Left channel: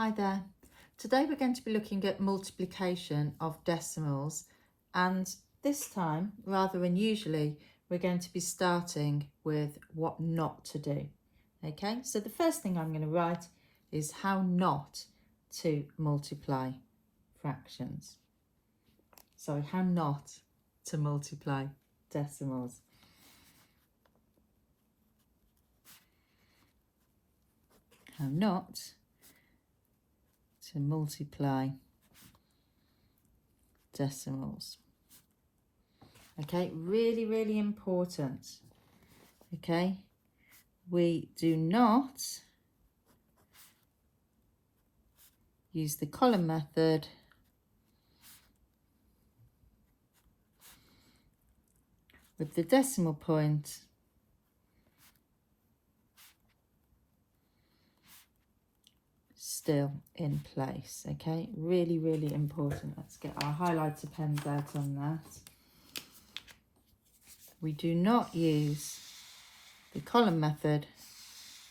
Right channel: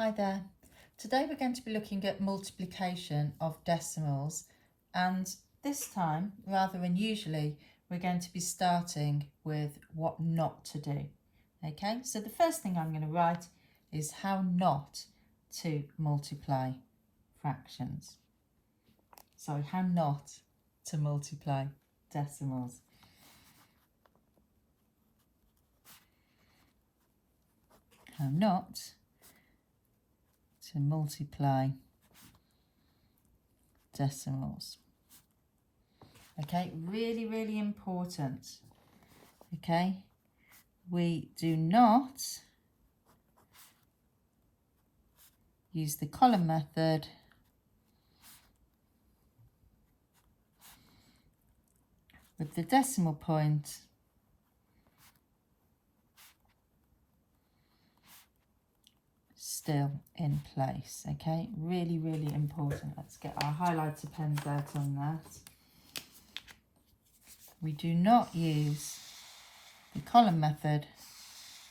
Hi there. Today we're going to be looking at multiplication of decimals, and this time, rather unusually, we're going to be starting with what not to do. Okay, so the first thing I'm going to write is how not to multiply fractions. Sorry, how not to multiply decimals. How not to multiply decimals. Okay, really important. Okay, we do not use the column method with the decimal point still in place. Okay, really important. Let's get our highlighter pens out on that. We do not use the column method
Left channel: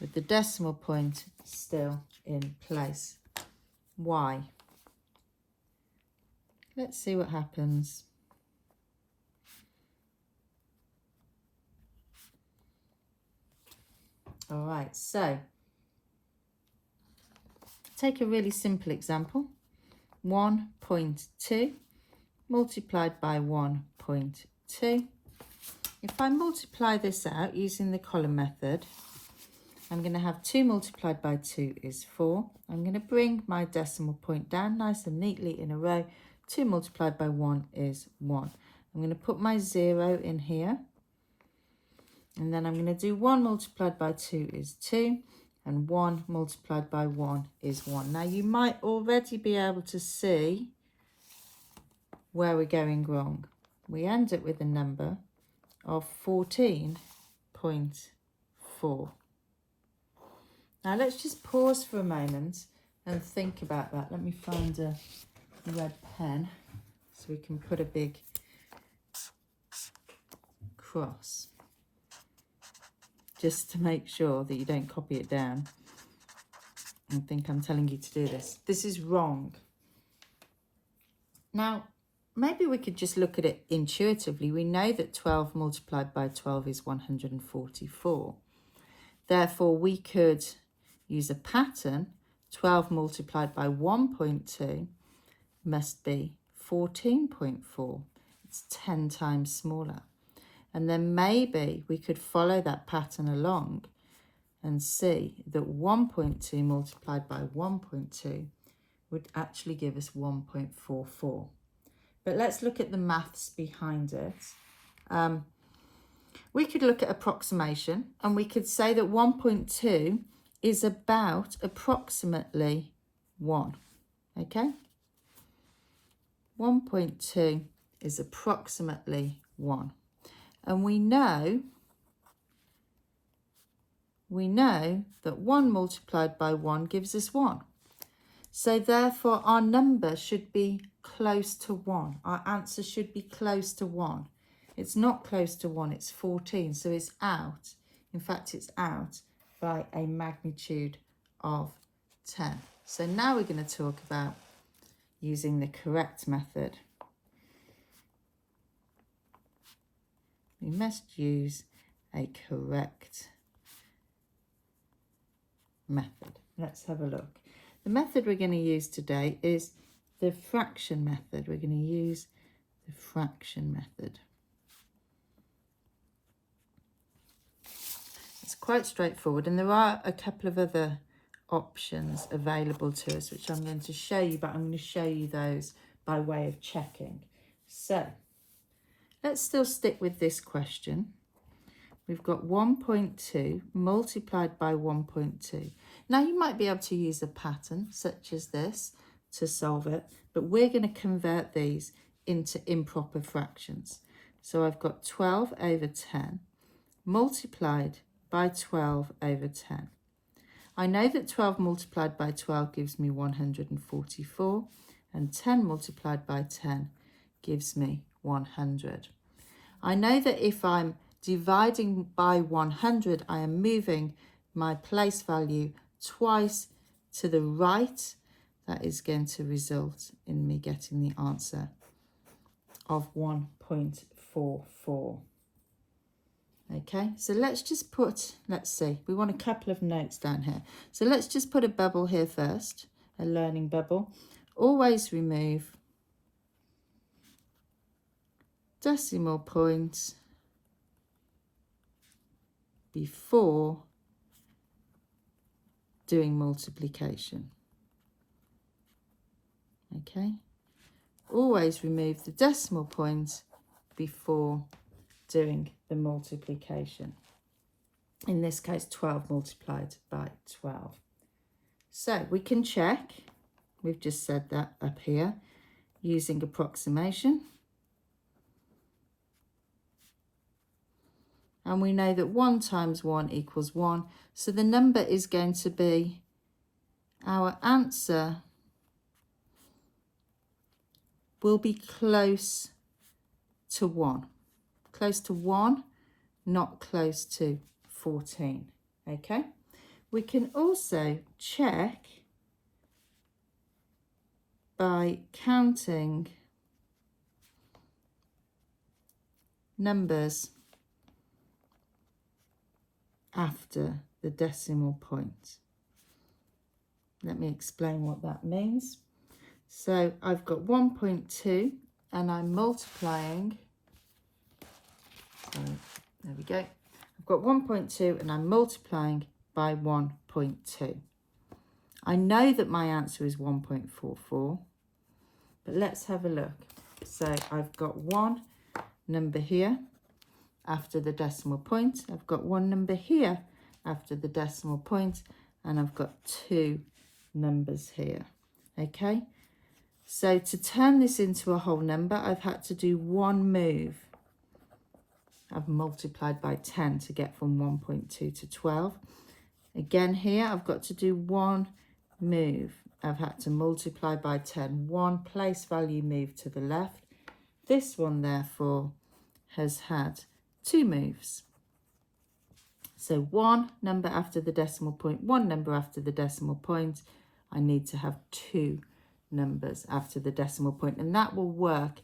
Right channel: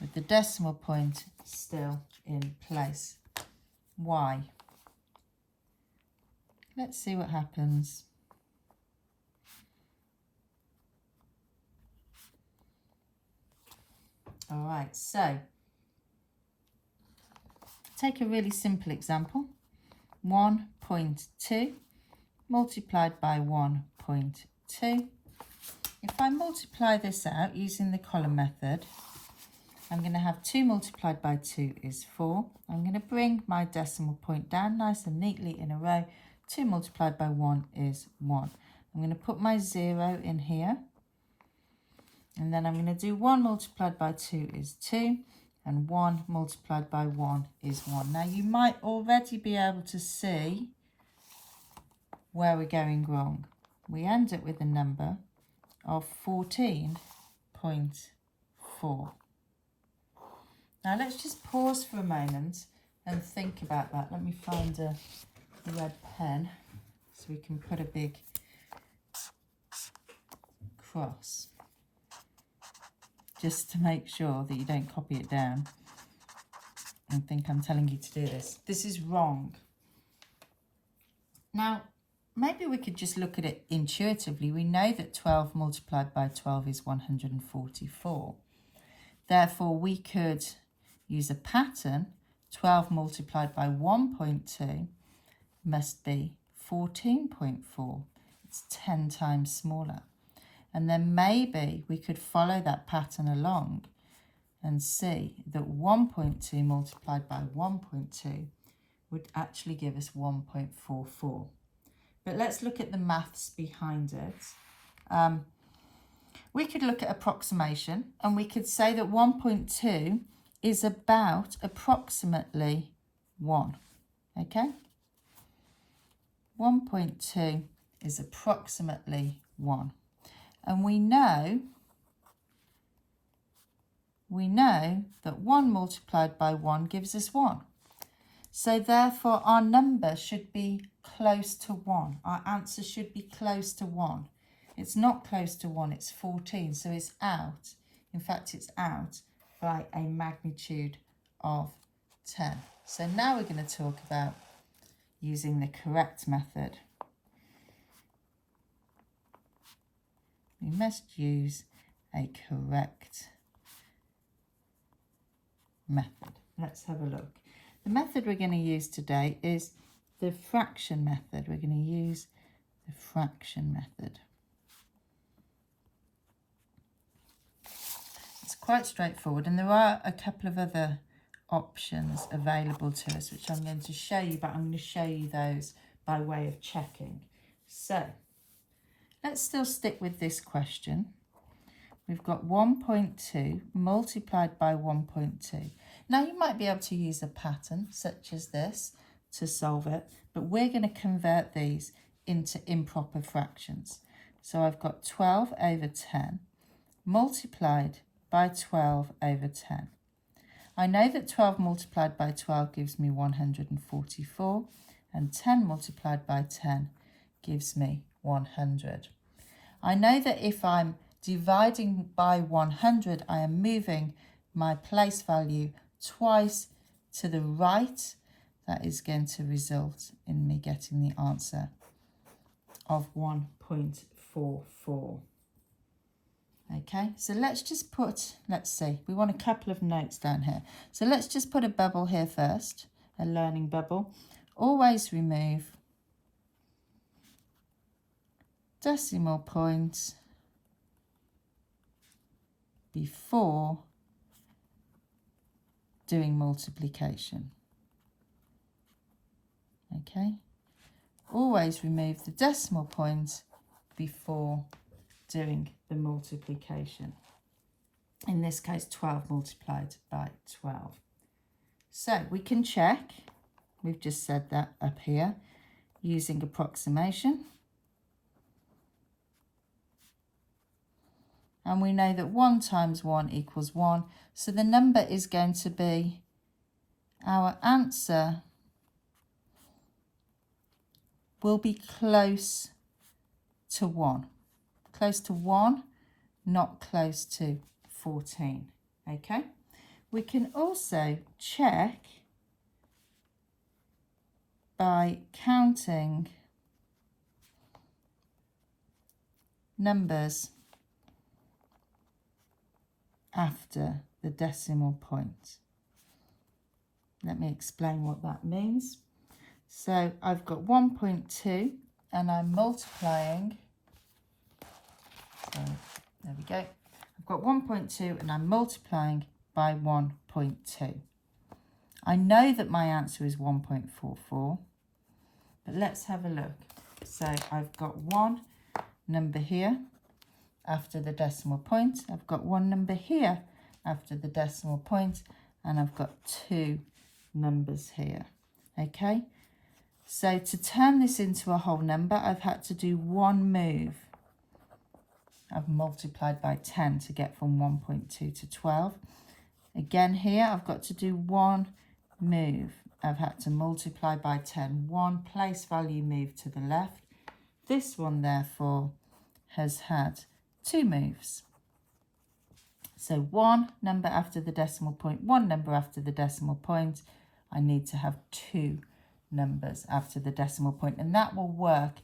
with the decimal point still in place. Why? Let's see what happens. All right, so take a really simple example. 1.2 multiplied by 1.2. If I multiply this out using the column method, I'm going to have 2 multiplied by 2 is 4. I'm going to bring my decimal point down nice and neatly in a row. 2 multiplied by 1 is 1. I'm going to put my 0 in here. And then I'm going to do 1 multiplied by 2 is 2. And 1 multiplied by 1 is 1. Now you might already be able to see where we're going wrong. We end up with a number of 14.4. Now let's just pause for a moment and think about that. Let me find a red pen so we can put a big cross, just to make sure that you don't copy it down and think I'm telling you to do this. This is wrong. Now, maybe we could just look at it intuitively. We know that 12 multiplied by 12 is 144. Therefore, we could use a pattern. 12 multiplied by 1.2 must be 14.4. It's 10 times smaller. And then maybe we could follow that pattern along and see that 1.2 multiplied by 1.2 would actually give us 1.44. But let's look at the maths behind it. We could look at approximation, and we could say that 1.2 is about approximately 1. Okay? 1.2 is approximately 1. And we know that 1 multiplied by 1 gives us 1. So therefore our number should be close to 1. Our answer should be close to 1. It's not close to 1, it's 14, so it's out. In fact, it's out by a magnitude of 10. So now we're going to talk about using the correct method. We must use a correct method. Let's have a look. The method we're going to use today is the fraction method. We're going to use the fraction method. It's quite straightforward, and there are a couple of other options available to us which I'm going to show you, but I'm going to show you those by way of checking. So let's still stick with this question. We've got 1.2 multiplied by 1.2. Now you might be able to use a pattern such as this to solve it, but we're going to convert these into improper fractions. So I've got 12 over 10 multiplied by 12 over 10. I know that 12 multiplied by 12 gives me 144, and 10 multiplied by 10 gives me 100. I know that if I'm dividing by 100, I am moving my place value twice to the right, that is going to result in me getting the answer of 1.44. Okay, so let's just put, let's see, we want a couple of notes down here. So let's just put a bubble here first, a learning bubble. Always remove decimal points before doing multiplication. Okay, always remove the decimal points before doing the multiplication. In this case, 12 multiplied by 12. So we can check, we've just said that up here, using approximation. And we know that 1 times 1 equals 1. So the number is going to be, our answer will be close to 1. Close to 1, not close to 14. Okay? We can also check by counting numbers after the decimal point. Let me explain what that means. So I've got 1.2 and I'm multiplying. So there we go. I've got 1.2 and I'm multiplying by 1.2. I know that my answer is 1.44, but let's have a look. So I've got one number here after the decimal point. I've got one number here after the decimal point, and I've got two numbers here. Okay, so to turn this into a whole number, I've had to do one move. I've multiplied by 10 to get from 1.2 to 12. Again here, I've got to do one move. I've had to multiply by 10, one place value move to the left. This one, therefore, has had two moves. So one number after the decimal point, one number after the decimal point. I need to have two numbers after the decimal point, and that will work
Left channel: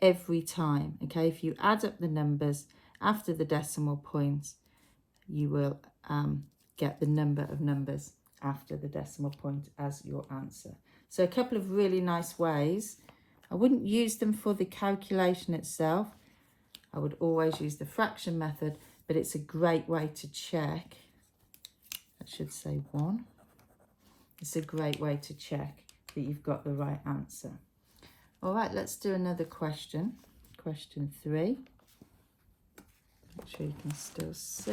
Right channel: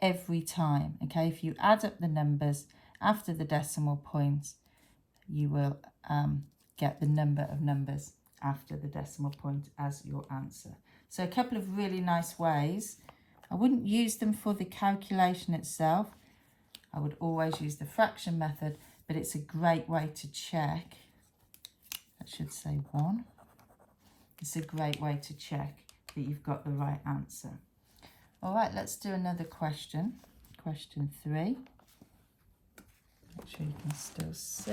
every time. Okay, if you add up the numbers after the decimal point, you will get the number of numbers after the decimal point as your answer. So a couple of really nice ways. I wouldn't use them for the calculation itself. I would always use the fraction method, but it's a great way to check. That should say 1. It's a great way to check that you've got the right answer. All right, let's do another question. Question 3. Make sure you can still see.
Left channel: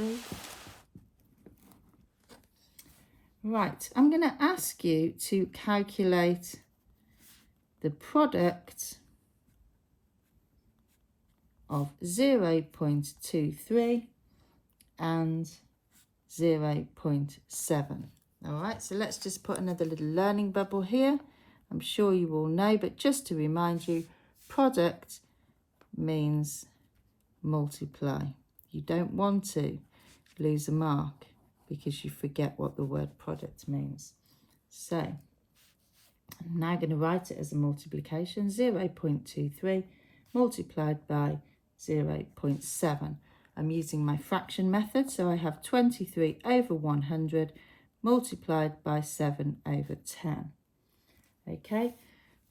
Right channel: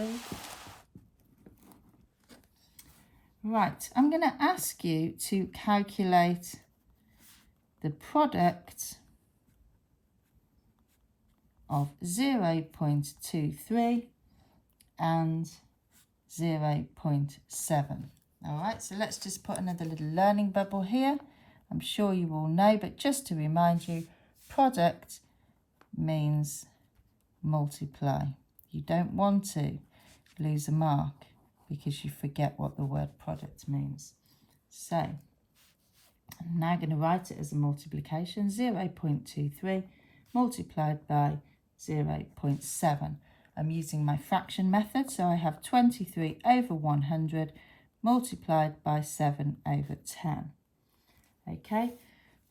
Right, I'm going to ask you to calculate the product of 0.23 and 0.7. All right, so let's just put another little learning bubble here. I'm sure you all know, but just to remind you, product means multiply. You don't want to lose a mark because you forget what the word product means. So I'm now going to write it as a multiplication. 0.23 multiplied by 0.7. I'm using my fraction method, so I have 23 over 100 multiplied by 7 over 10. Okay,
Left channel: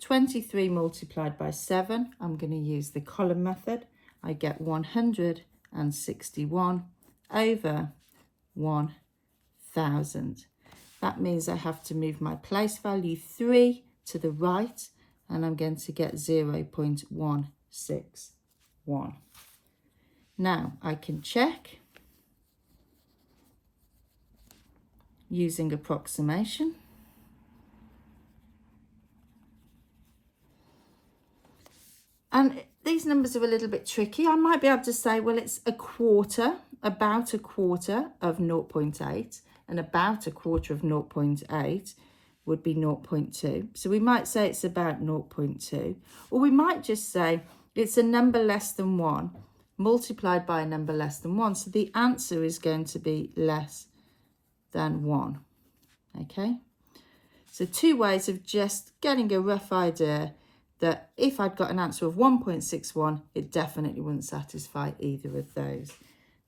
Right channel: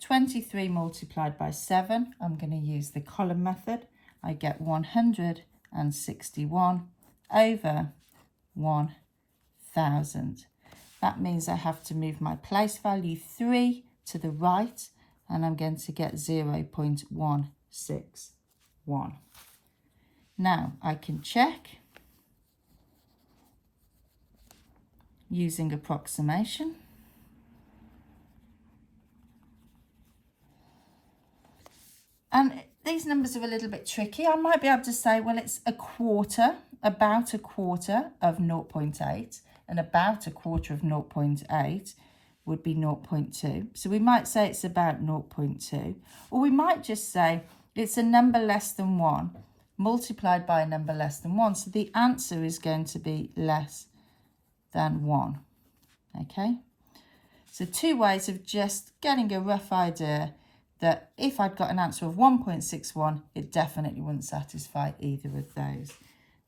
23 multiplied by 7, I'm going to use the column method. I get 161 over 1000. That means I have to move my place value 3 to the right, and I'm going to get 0.161. Now I can check using approximation. And these numbers are a little bit tricky. I might be able to say, well, it's a quarter, about a quarter of 0.8, and about a quarter of 0.8 would be 0.2. So we might say it's about 0.2, or we might just say it's a number less than 1 multiplied by a number less than 1. So the answer is going to be less than 1. Okay. So 2 ways of just getting a rough idea that if I'd got an answer of 1.61, it definitely wouldn't satisfy either of those.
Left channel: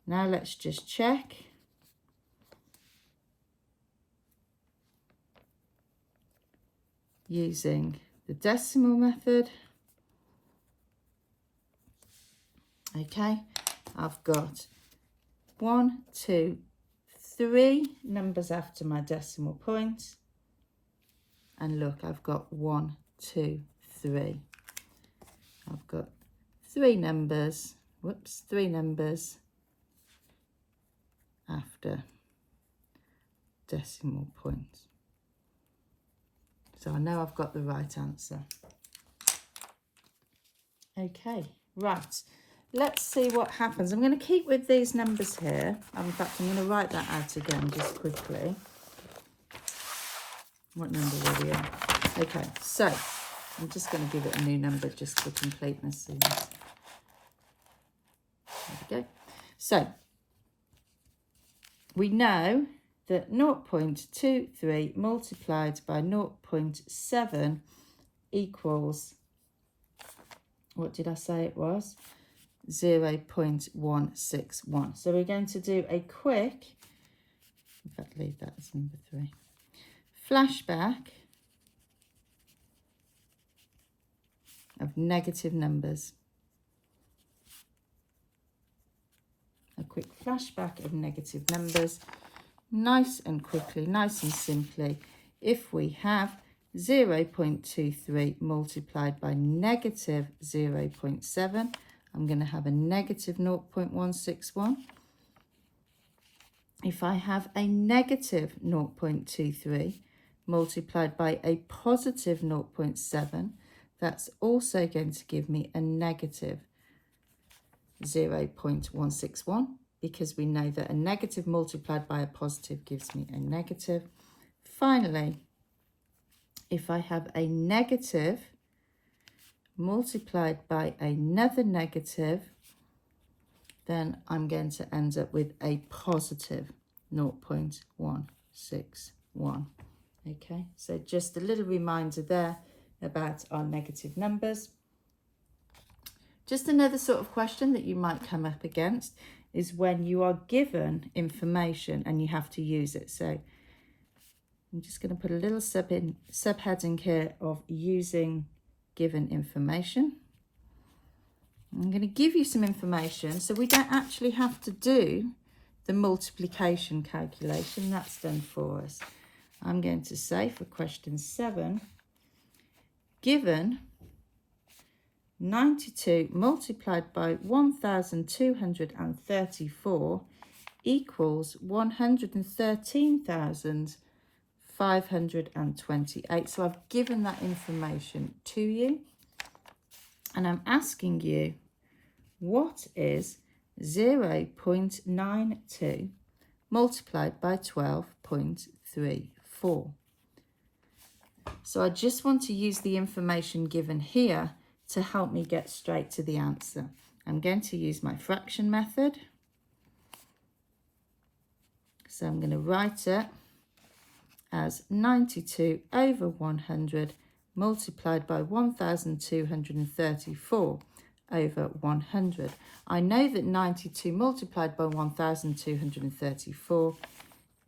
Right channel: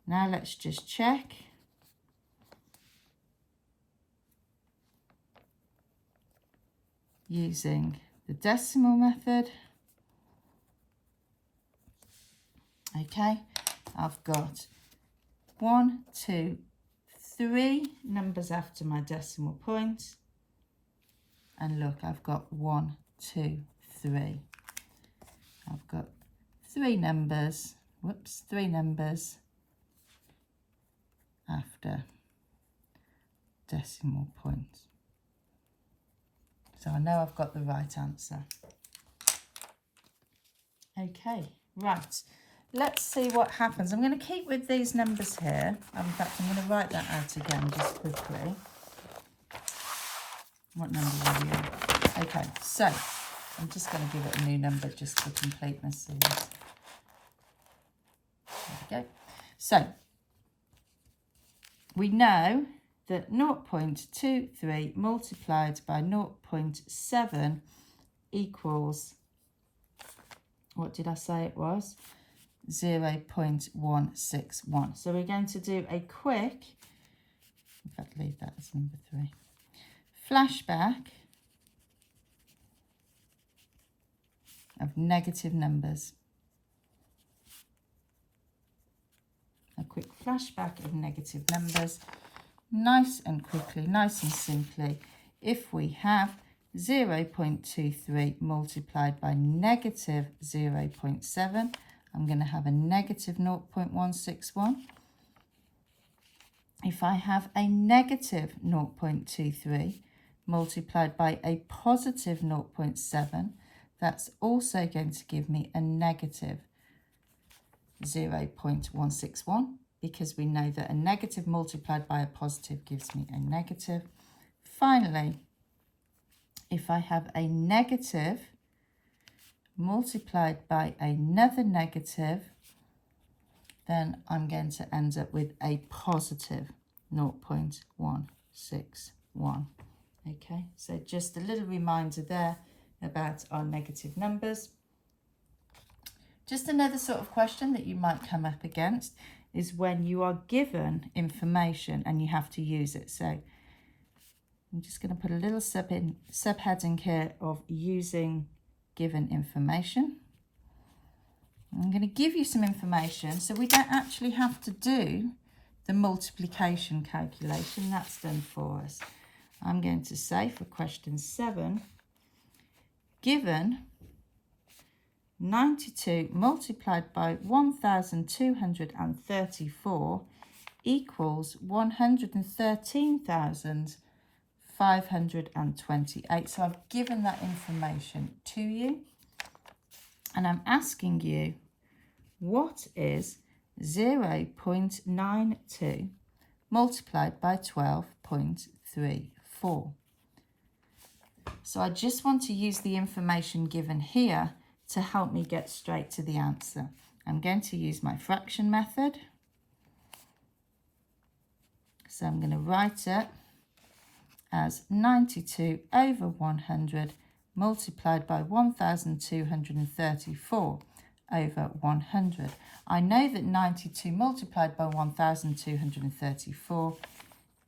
Now let's just check. Using the decimal method. Okay, I've got 1, 2, 3 numbers after my decimal point. And look, I've got 1, 2, 3. I've got 3 numbers, 3 numbers after decimal point. So I know I've got the right answer. Okay, right. Let's see what happens. I'm going to keep with these numbers here. In fact, I'm going to write that out again just quickly. What number were we on? Okay, so I'm just going to give it a new number just for completeness. There we go. So we know that 0.23 multiplied by 0.7 equals, what did I say it was? 0.161. So we're going to do a quick, in fact, leave that as number 3. Flashback of negative numbers. A quick flashback of negative numbers. Nice and quickly, nice and simply. If we have 0.23 multiplied by negative 0.7, I'm going to have a negative 0.161. If I have a negative 0.23 multiplied by a positive 0.7, that's also going to give me a negative 0.161, because we know that a negative multiplied by a positive gives me a negative. Finally, if I have a negative multiplied by another negative, then I'm going to end up with a positive 0.161. Okay, so just a little reminder there about our negative numbers. Just another sort of question that you might come up against is when you are given information and you have to use it. So I'm just going to put a little subheading here of using given information. I'm going to give you some information so we don't actually have to do the multiplication calculation. That's done for us. I'm going to say for question 7, given 92 multiplied by 1,234 equals 113,528. So I've given that information to you, and I'm asking you, what is 0.92 multiplied by 12.34? So I just want to use the information given here to help me get straight to the answer. I'm going to use my fraction method. So I'm going to write it as 92 over 100 multiplied by 1,234 over 100. I know that 92 multiplied by 1,234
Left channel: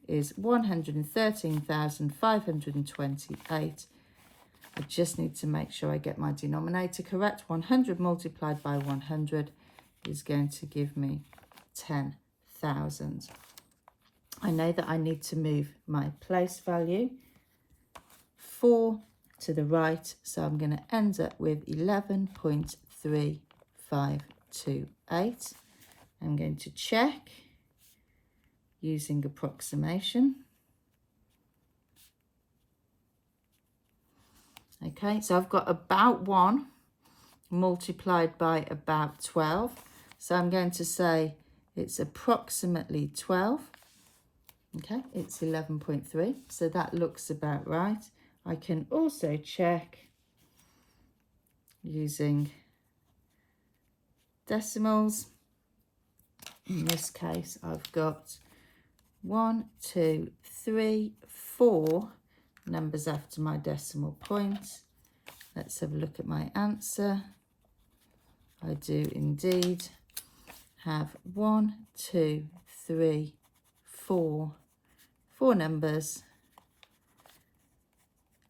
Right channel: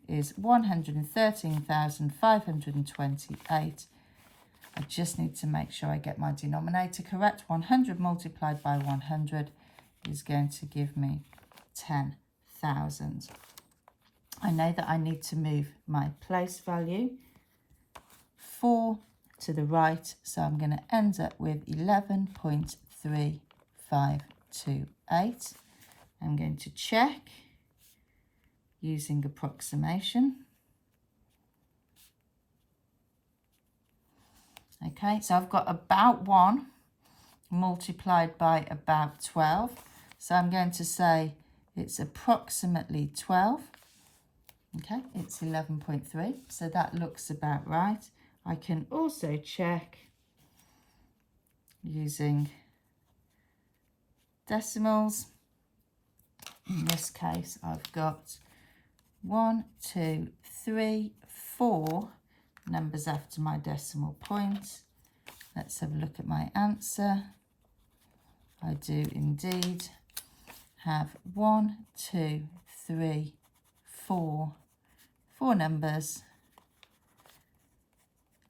is 113,528. I just need to make sure I get my denominator correct. 100 multiplied by 100 is going to give me 10,000. I know that I need to move my place value 4 to the right, so I'm going to end up with 11.3528. I'm going to check using approximation. Okay, so I've got about 1 multiplied by about 12. So I'm going to say it's approximately 12. Okay, it's 11.3. So that looks about right. I can also check using decimals. In this case, I've got 1, 2, 3, 4 numbers after my decimal point. Let's have a look at my answer. I do indeed have 1, 2, 3, 4 numbers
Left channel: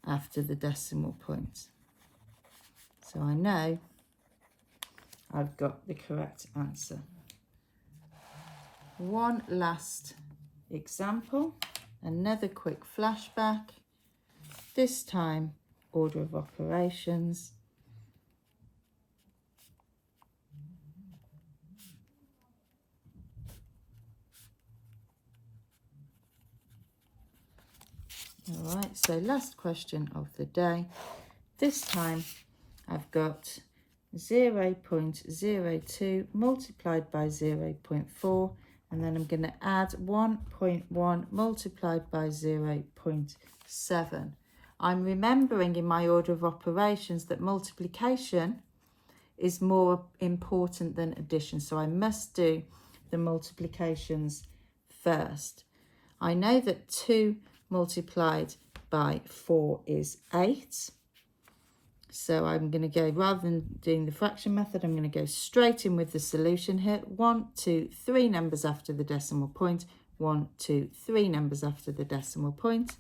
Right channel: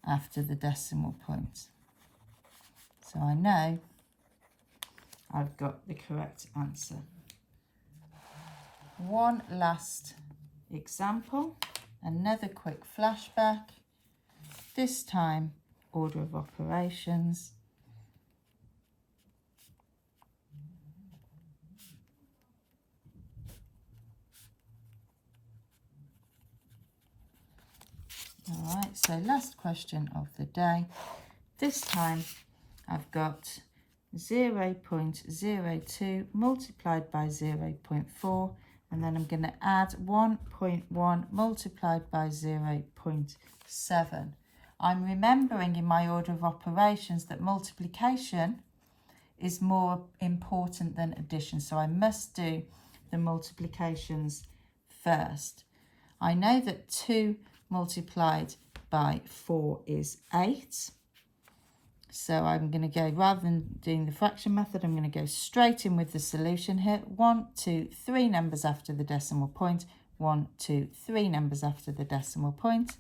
after the decimal point. So I know I've got the correct answer. One last example, another quick flashback, this time order of operations. All right, so last question of the day. This time I've got 0.02 multiplied by 0.4, and then I'm going to add 1.1 multiplied by 0.7. I'm remembering in my order of operations that multiplication is more important than addition, so I must do the multiplications first. I know that 2 multiplied by 4 is 8. So I'm going to go, rather than doing the fraction method, I'm going to go straight in with the solution here. 1, 2, 3 numbers after the decimal point. 1, 2, 3 numbers after the decimal point.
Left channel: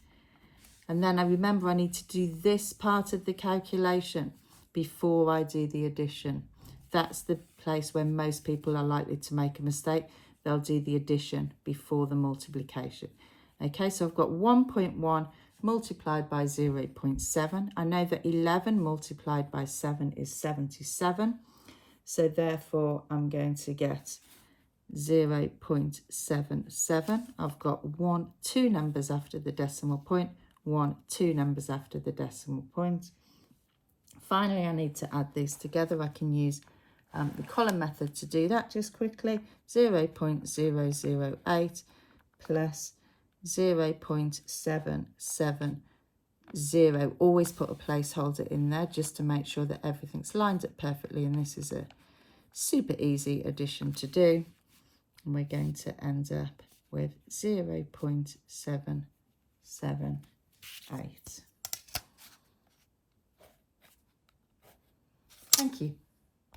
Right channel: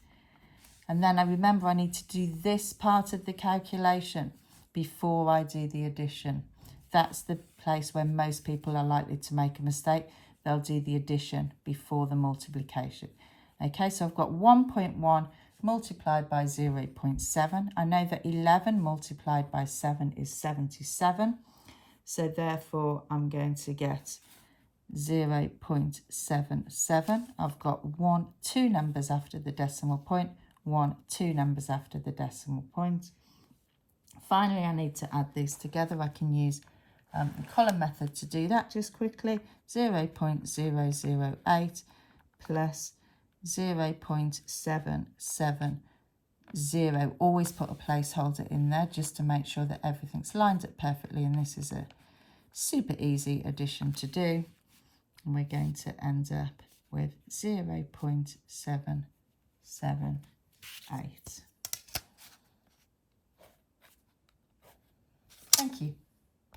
And then I remember I need to do this part of the calculation before I do the addition. That's the place where most people are likely to make a mistake. They'll do the addition before the multiplication. Okay, so I've got 1.1 multiplied by 0.7. I know that 11 multiplied by 7 is 77. So therefore, I'm going to get 0.77. I've got 2 numbers after the decimal point, 2 numbers after the decimal point. Finally, I need to add these together. I can use the column method to do that just quickly. 0.008 plus 0.770. Always put a placeholder in there just to make sure that everything's lined up perfectly, and this is a super easy addition to do, and we're going to end up with 0.778. Thank you.